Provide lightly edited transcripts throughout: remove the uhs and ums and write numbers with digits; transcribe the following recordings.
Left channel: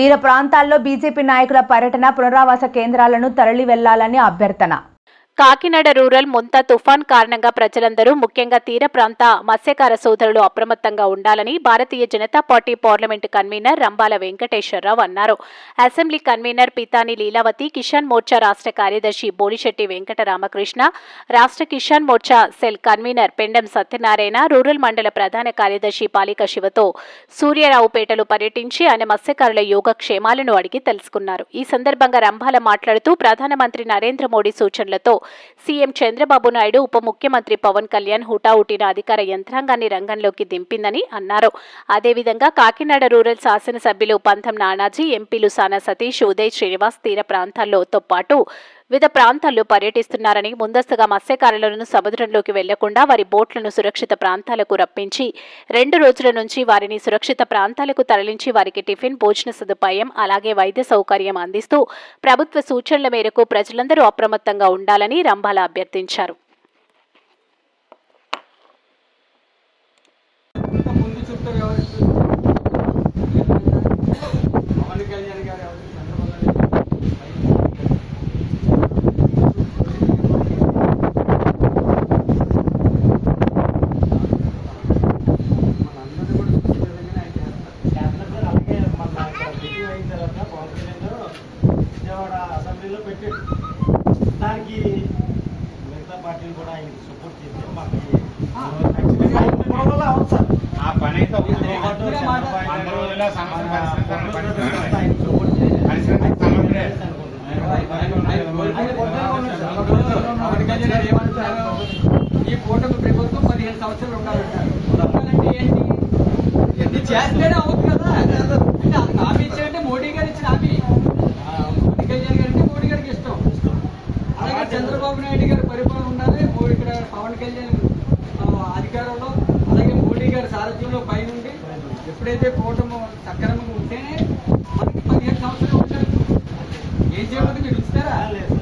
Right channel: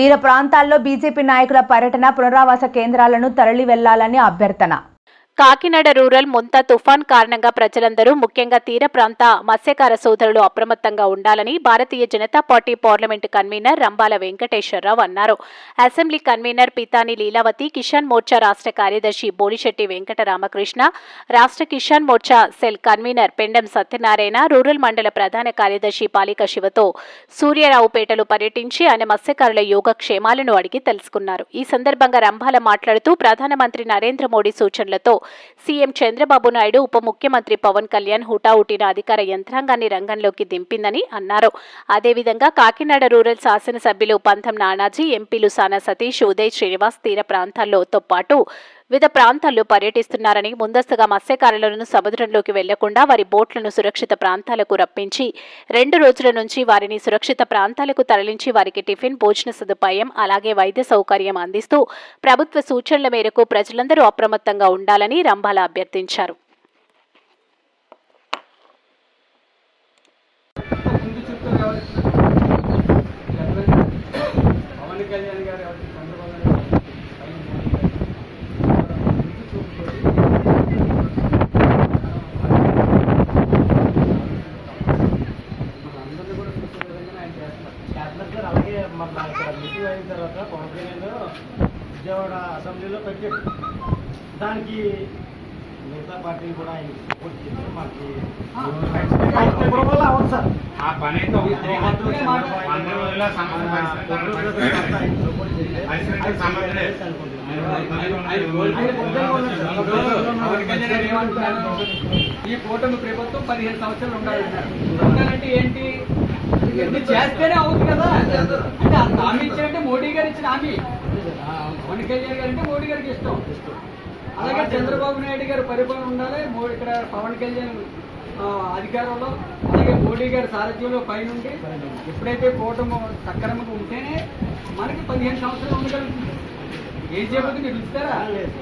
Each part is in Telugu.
తీర ప్రాంతాల్లో బీజేపీ నాయకుల పర్యటన, పునరావాస కేంద్రాలను తరలి వెళ్లాలని అభ్యర్థన. కాకినాడ రూరల్ ముంతా తుఫాన్ కారణంగా ప్రజలందరూ ముఖ్యంగా తీర ప్రాంత మత్స్యకార సోదరులు అప్రమత్తంగా ఉండాలని Bharatiya Janata party parliament convener Rambala Venkateswararao అన్నారు. అసెంబ్లీ కన్వీనర్ పితాని లీలావతి, కిసాన్ మోర్చా రాష్ట్ర కార్యదర్శి బోడిశెట్టి వెంకట రామకృష్ణ, రాష్ట్ర Kisan Morcha cell convener Pendem Satyanarayana, rural మండల ప్రధాన కార్యదర్శి పాలిక శివతో సూర్యారావుపేటలో పర్యటించి ఆయన మత్స్యకారుల యోగక్షేమాలను అడిగి తెలుసుకున్నారు. ఈ సందర్భంగా రంబాల మాట్లాడుతూ ప్రధానమంత్రి నరేంద్ర మోడీ సూచనలతో సీఎం చంద్రబాబు నాయుడు, ఉప ముఖ్యమంత్రి పవన్ కళ్యాణ్ హుటాహుటిన అధికార యంత్రాంగాన్ని రంగంలోకి దింపిందని అన్నారు. అదేవిధంగా కాకినాడ రూరల్ శాసనసభ్యులు పంతం నానాజీ, ఎంపీలు సానా సతీష్, ఉదయ్ శ్రీనివాస్ తీర ప్రాంతాల్లోతో పాటు వివిధ ప్రాంతాల్లో పర్యటిస్తున్నారని, ముందస్తుగా మత్స్యకారులను సముద్రంలోకి వెళ్లకుండా వారి బోట్లను సురక్షిత ప్రాంతాలకు రప్పించి 2 రోజుల నుంచి వారిని సురక్షిత ప్రాంతాలకు తరలించి వారికి టిఫిన్, భోజన సదుపాయం అలాగే వైద్య సౌకర్యం అందిస్తూ ప్రభుత్వ సూచనల మేరకు ప్రజలందరూ అప్రమత్తంగా ఉండాలని రంబాల అభ్యర్థించారు. విజయవాడ అసెంబ్లీలో పెట్టాడు. దానికి మిగతా పార్టీలు కూడా ఆయన సపోర్ట్ చేసి మాకు అవును సార్ ఆ పని అయితే ఈ కూటమి ప్రభుత్వం 15 సంవత్సరాలు ఉండాలంటే ఏంటి, చేస్తేనే అవుతుంది కదా. అంటే హామీ ఇచ్చారంటే మోడీ గారు ఇచ్చిన హామీ, పవన్ కళ్యాణ్ గారు అంటే మోడీ గారికి ఇష్టం. అలాగే చంద్రబాబు నాయుడు గారు పరిపాలన ఉండాలి, ఇక్కడ పవన్ కళ్యాణ్ అధికారంలో, అలాగే మోడీ గారి సారథ్యంలో పైనుండి ఎప్పుడైతే కూటమి సక్రమంగా ఉంటేనే మనకి 15 సంవత్సరాలు ఉండగలుగుతుంది. ఏం చేయబోతుంది మీరు ఇస్తారా? లేదు.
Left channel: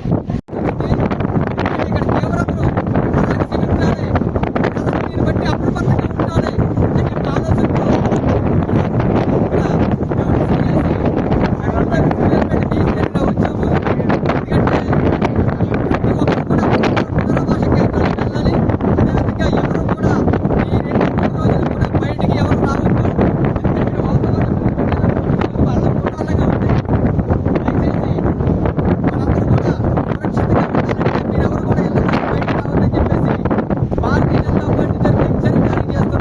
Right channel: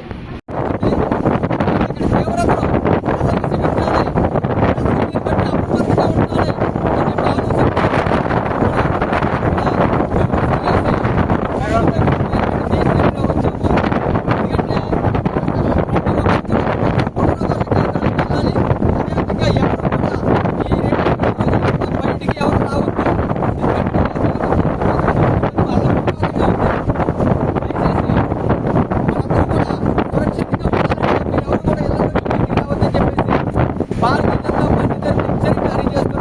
భారతీయ జనతా పార్టీ తరఫున హెచ్చరిక జారీ చేస్తున్నారు.